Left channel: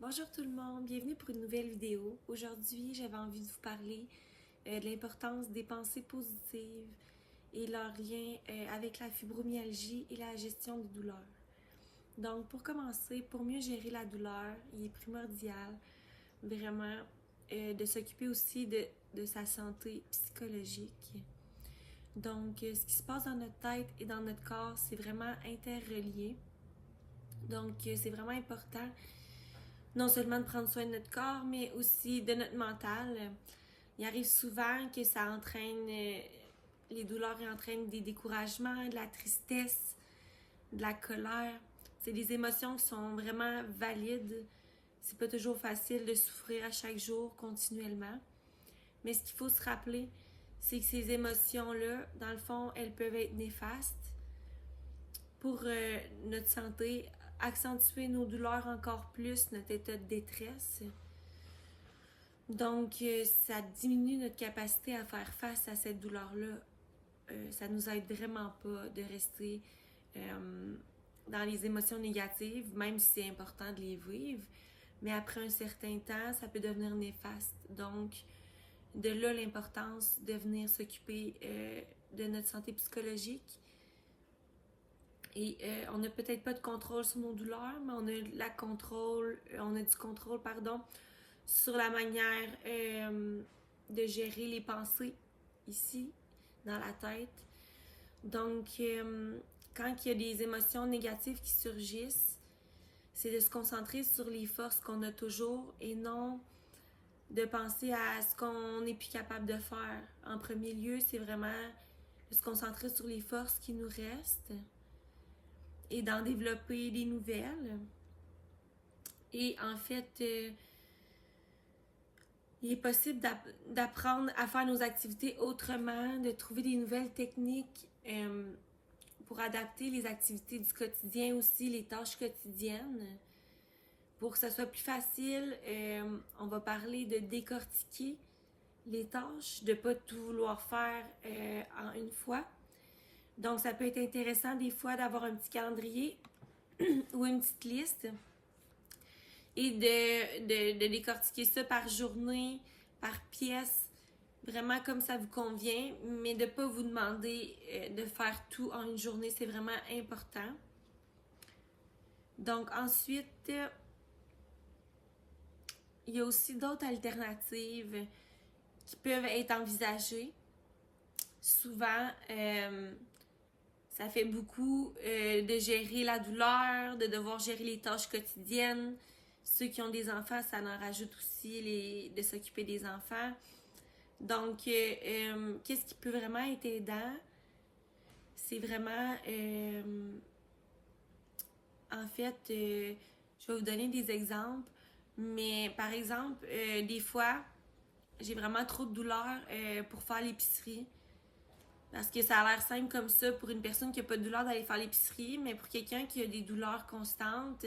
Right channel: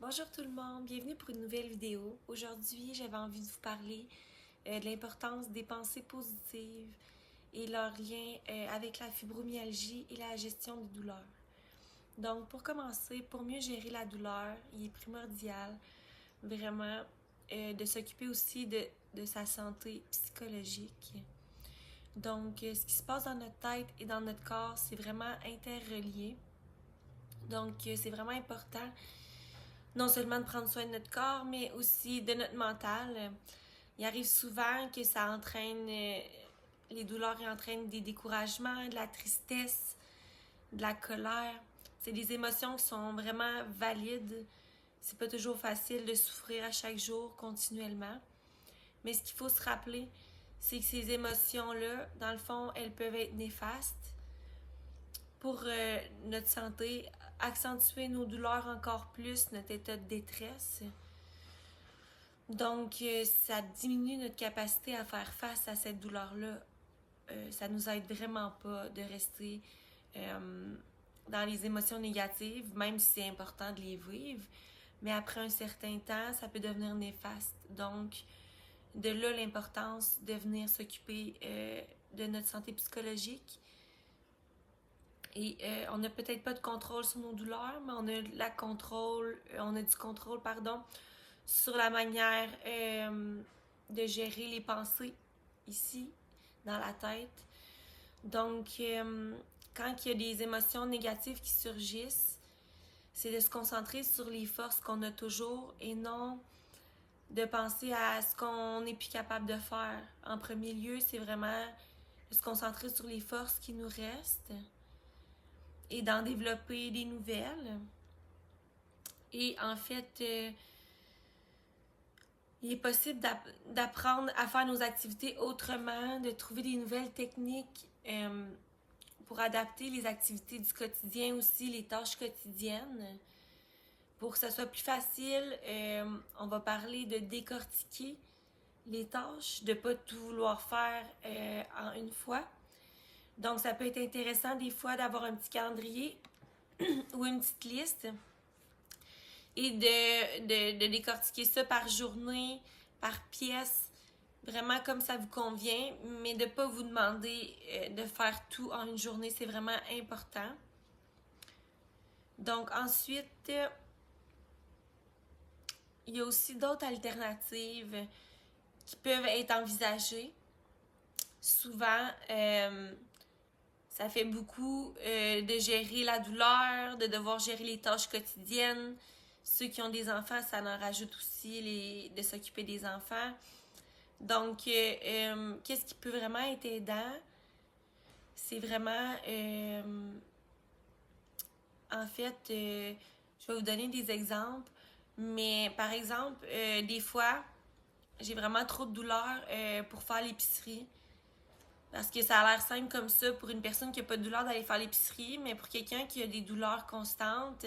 Bonjour tout le monde, bienvenue pour une nouvelle vidéo. Aujourd'hui, j'avais envie de vous parler de l'importance des pensées positives et leur lien avec la fibromyalgie et la gestion des douleurs. Donc, pour commencer, pour mieux gérer la douleur, il est primordial vraiment de s'occuper aussi de sa santé psychologique. Donc, ce qui se passe dans notre tête et dans notre corps, c'est vraiment interrelié. Donc, c'est vraiment important non seulement de prendre soin de notre corps, mais aussi de notre mental. Il arrive souvent que ça entraîne, les douleurs entraînent des découragements, de la tristesse, de la colère. C'est des émotions qui sont vraiment valides. C'est pas toujours facile de souffrir à chaque jour continuellement. Mais ce qu'il faut se rappeler, c'est que ces émotions-là, dans le fond, elles peuvent être néfastes pour notre santé, accentuer nos douleurs encore plus, notre état de détresse. Donc, ça diminue notre capacité à faire face à cette douleur-là. Ça nous aide vraiment pas de rester dans les émotions négatives, même si c'est important de les vivre. Mais après un certain temps, ça peut devenir néfaste. Donc, de là l'importance de venir s'occuper de notre santé psychologique. Et on n'a peut-être pas de contrôle sur nos douleurs, mais on a du contrôle, sur la manière de gérer les pensées ici, dans la tête. Donc, quand il y a des émotions négatives qui surgissent, c'est de se concentrer sur les forces qu'on a toujours et non de penser à ce qu'on n'est plus capable de faire. En premier lieu, c'est vraiment de se concentrer sur les forces qui nous restent et d'en développer des nouvelles. Et en fait, il est possible d'apprendre à faire nos activités autrement, de trouver des nouvelles techniques pour adapter les activités du quotidien aussi, les tâches quotidiennes. Pour que ça soit plus facile, on va parler de décortiquer les tâches, de ne pas tout vouloir faire en une fois. Donc, ça peut être intéressant des fois d'avoir un petit calendrier ou une petite liste et de décortiquer ça par journée, par pièce, vraiment comme ça vous convient, mais de ne pas vous demander de faire tout en une journée, c'est vraiment important. Donc ensuite, il y a aussi d'autres alternatives qui peuvent être envisagées. Souvent, ça fait beaucoup de gérer la douleur, de devoir gérer les tâches quotidiennes. Ceux qui ont des enfants, ça en rajoute aussi de s'occuper des enfants. Donc, qu'est-ce qui peut vraiment être aidant? C'est vraiment, en fait, je vais vous donner des exemples. Mais par exemple, des fois, j'ai vraiment trop de douleur pour faire l'épicerie. Parce que ça a l'air simple comme ça pour une personne qui n'a pas de douleur d'aller faire l'épicerie, mais pour quelqu'un qui a des douleurs constantes,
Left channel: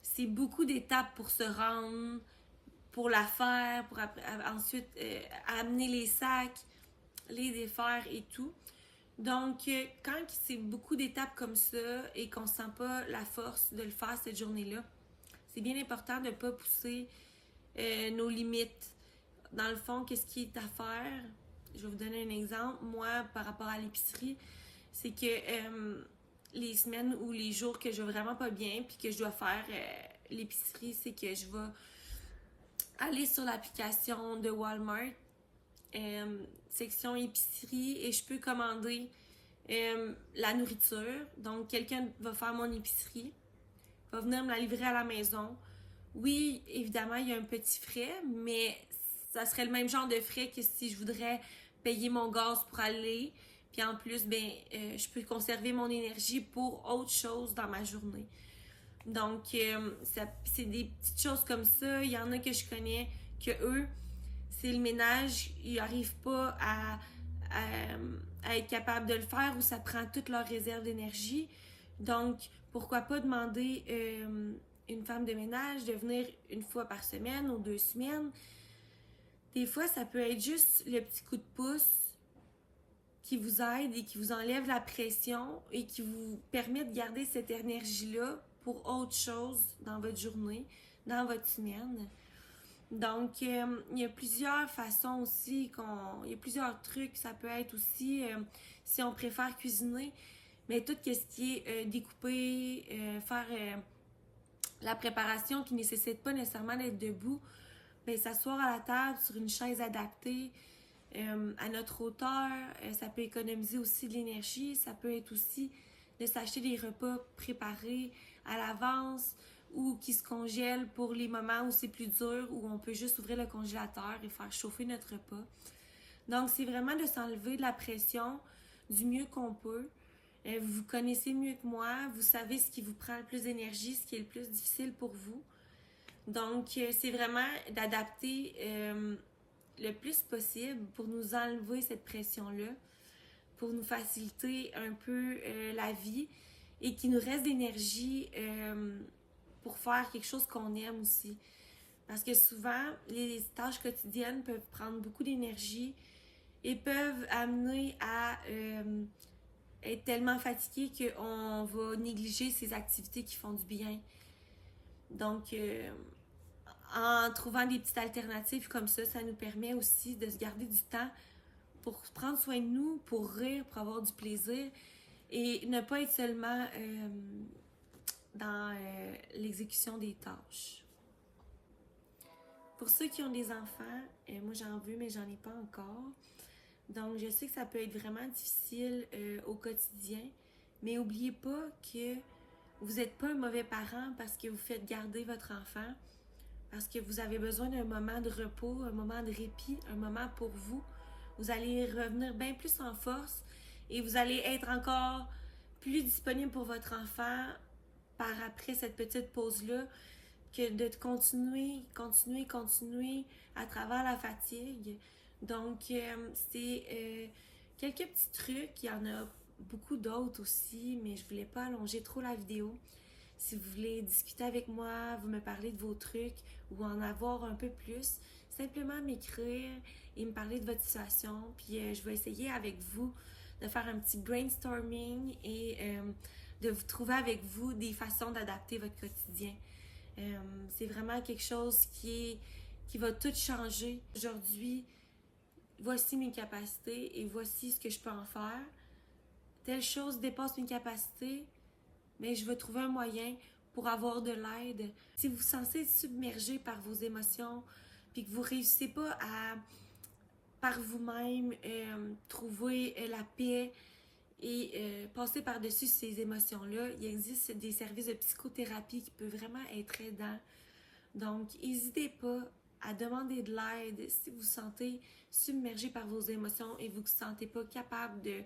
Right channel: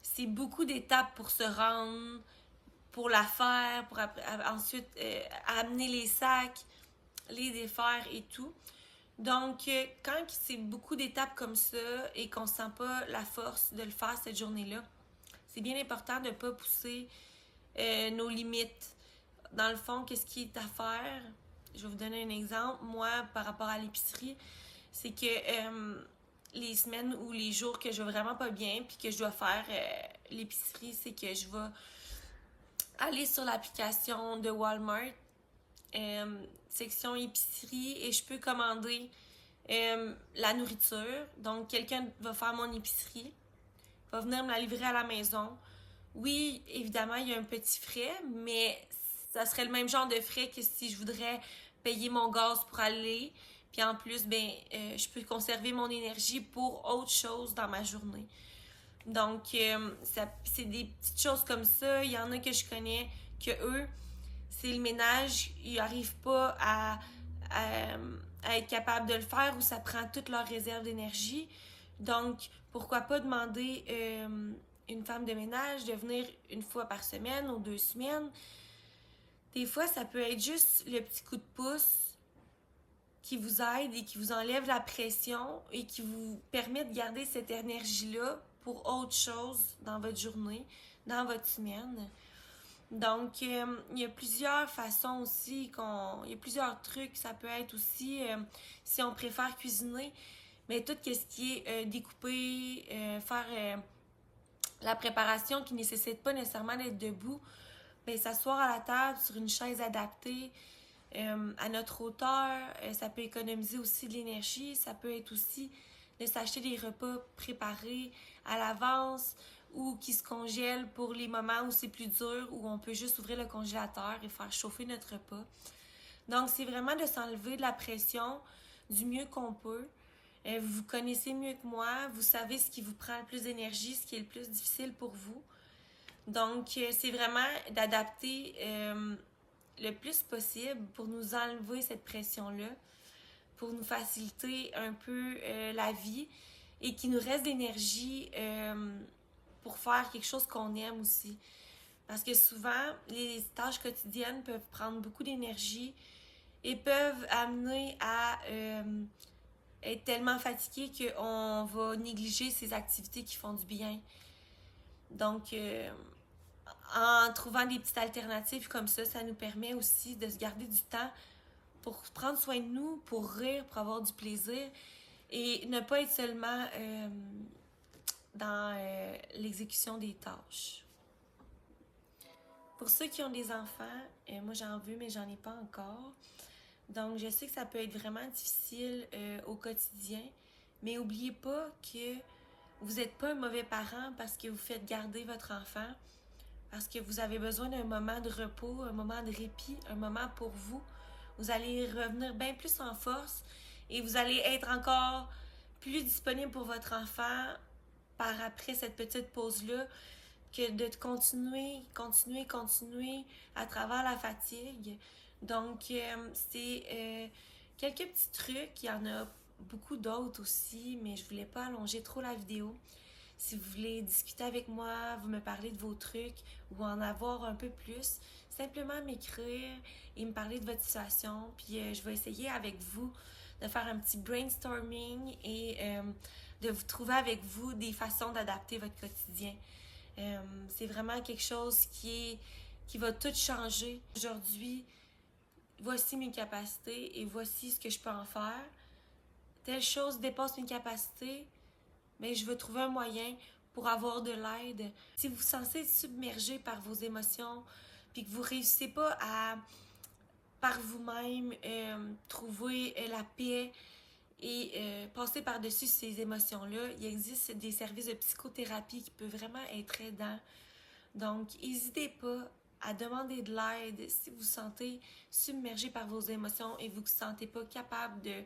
c'est beaucoup d'étapes pour se rendre, pour la faire, pour ensuite amener les sacs, les défaire et tout. Donc, quand c'est beaucoup d'étapes comme ça et qu'on ne sent pas la force de le faire cette journée-là, c'est bien important de ne pas pousser nos limites. Dans le fond, qu'est-ce qui est à faire? Je vais vous donner un exemple. Moi, par rapport à l'épicerie, c'est que les semaines ou les jours que je vais vraiment pas bien puis que je dois faire l'épicerie, c'est que je vais aller sur l'application de Walmart, section épicerie, et je peux commander la nourriture. Donc, quelqu'un va faire mon épicerie, va venir me la livrer à la maison. Oui, évidemment, il y a un petit frais, mais ça serait le même genre de frais que si je voudrais payer mon gaz pour aller. Puis en plus, je peux conserver mon énergie pour autre chose dans ma journée. Donc, c'est des petites choses comme ça. Il y en a que je connais que eux, c'est le ménage, ils n'arrivent pas à être capables de le faire ou ça prend toute leur réserve d'énergie. Donc, pourquoi pas demander une femme de ménage de venir une fois par semaine ou 2 semaines. Des fois, ça peut être juste le petit coup de pouce qui vous aide et qui vous enlève la pression et qui vous permet de garder cette énergie-là pour autre chose dans votre journée. dans votre semaine. Donc, il y a plusieurs façons aussi, il y a plusieurs trucs. Ça peut être aussi, si on préfère cuisiner, mais tout ce qui est découper, faire la préparation qui ne nécessite pas nécessairement d'être debout, bien, s'asseoir à la table sur une chaise adaptée à notre hauteur. Ça peut économiser aussi de l'énergie. Ça peut être aussi de s'acheter des repas préparés à l'avance ou qui se congèlent pour les moments où c'est plus dur, où on peut juste ouvrir le congélateur et faire chauffer notre repas. Donc, c'est vraiment de s'enlever de la pression du mieux qu'on peut. Vous connaissez mieux que moi, vous savez ce qui vous prend le plus d'énergie, ce qui est le plus difficile pour vous. Donc, c'est vraiment d'adapter le plus possible pour nous enlever cette pression-là, pour nous faciliter un peu la vie et qu'il nous reste d'énergie pour faire quelque chose qu'on aime aussi. Parce que souvent, les tâches quotidiennes peuvent prendre beaucoup d'énergie et peuvent amener à être tellement fatigué qu'on va négliger ces activités qui font du bien. Donc, en trouvant des petites alternatives comme ça nous permet aussi de se garder du temps pour prendre soin de nous, pour rire, pour avoir du plaisir et ne pas être seulement dans l'exécution des tâches. Pour ceux qui ont des enfants, moi j'en veux mais j'en ai pas encore. Donc je sais que ça peut être vraiment difficile au quotidien, mais n'oubliez pas que vous n'êtes pas un mauvais parent parce que vous faites garder votre enfant, parce que vous avez besoin d'un moment de repos, un moment de répit, un moment pour vous. Vous allez revenir bien plus en force et vous allez être encore plus disponible pour votre enfant par après cette petite pause-là que de continuer à travers la fatigue. Donc, c'est quelques petits trucs. Il y en a beaucoup d'autres aussi, mais je ne voulais pas allonger trop la vidéo. Si vous voulez discuter avec moi, vous me parler de vos trucs ou en avoir un peu plus, simplement m'écrire et me parler de votre situation. Puis je vais essayer avec vous de faire un petit brainstorming et de vous trouver avec vous des façons d'adapter votre quotidien. C'est vraiment quelque chose qui va tout changer. Aujourd'hui, voici mes capacités et voici ce que je peux en faire. Telle chose dépasse mes capacités, mais je vais trouver un moyen pour avoir de l'aide. Si vous vous sentez submergé par vos émotions, puis que vous ne réussissez pas à, par vous-même, trouver la paix et passer par-dessus ces émotions-là, il existe des services de psychothérapie qui peuvent vraiment être aidants. Donc, n'hésitez pas à demander de l'aide si vous vous sentez submergé par vos émotions et vous ne vous sentez pas capable de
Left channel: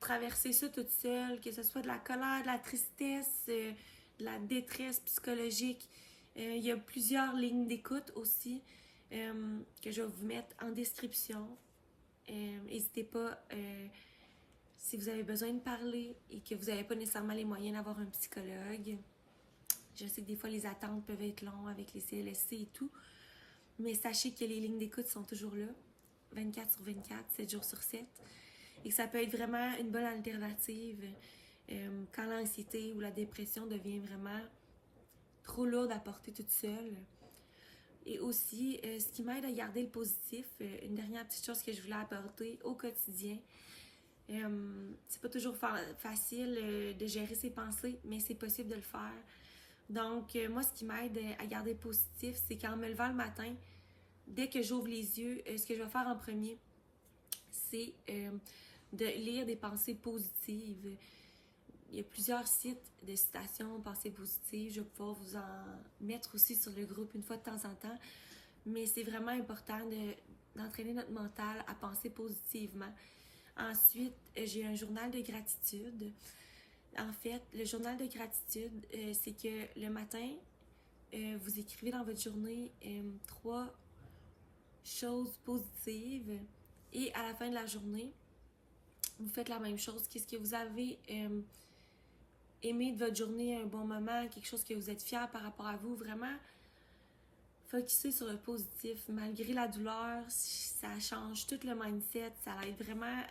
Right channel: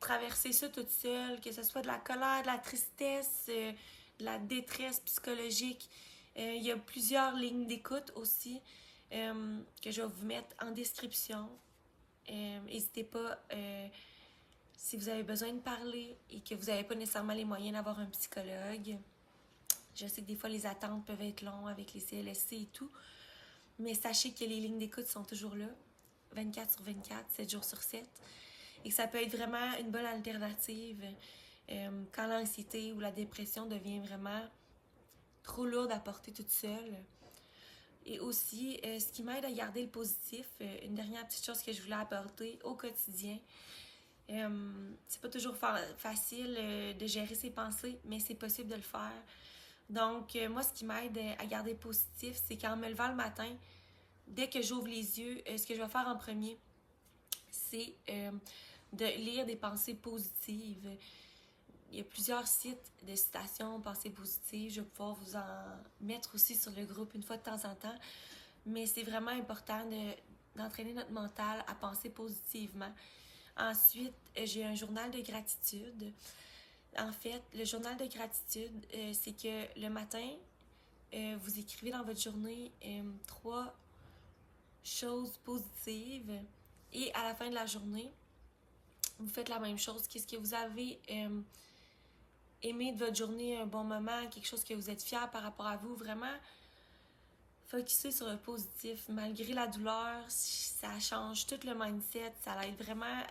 traverser ça toute seule, que ce soit de la colère, de la tristesse, de la détresse psychologique. Il y a plusieurs lignes d'écoute aussi que je vais vous mettre en description. N'hésitez pas si vous avez besoin de parler et que vous n'avez pas nécessairement les moyens d'avoir un psychologue. Je sais que des fois les attentes peuvent être longues avec les CLSC et tout, mais sachez que les lignes d'écoute sont toujours là, 24/24, 7 jours sur 7. Et que ça peut être vraiment une bonne alternative quand l'anxiété ou la dépression devient vraiment trop lourde à porter toute seule. Et aussi, ce qui m'aide à garder le positif, une dernière petite chose que je voulais apporter au quotidien. C'est pas toujours facile de gérer ses pensées, mais c'est possible de le faire. Donc, moi, ce qui m'aide à garder positif, c'est qu'en me levant le matin, dès que j'ouvre les yeux, ce que je vais faire en premier, c'est de lire des pensées positives. Il y a plusieurs sites de citations, pensées positives. Je vais pouvoir vous en mettre aussi sur le groupe une fois de temps en temps. Mais c'est vraiment important d'entraîner notre mental à penser positivement. Ensuite, j'ai un journal de gratitude. En fait, le journal de gratitude, c'est que le matin, vous écrivez dans votre journée 3 choses positives et à la fin de la journée, vous faites la même chose. Qu'est-ce que vous avez aimé de votre journée, un bon moment, quelque chose que vous êtes fier par rapport à vous, vraiment focuser sur le positif. Malgré la douleur, ça change tout le mindset, ça aide vraiment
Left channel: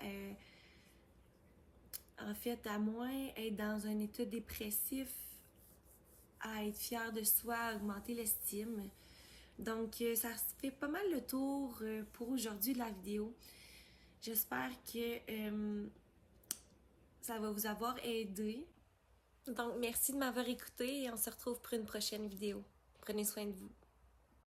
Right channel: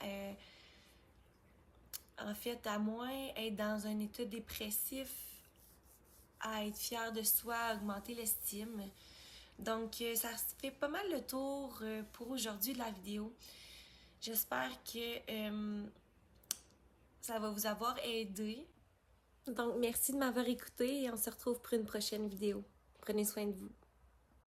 en fait à moins être dans un état dépressif à être fier de soi, à augmenter l'estime. Donc, ça fait pas mal le tour pour aujourd'hui de la vidéo. J'espère que ça va vous avoir aidé. Donc, merci de m'avoir écouté et on se retrouve pour une prochaine vidéo. Prenez soin de vous.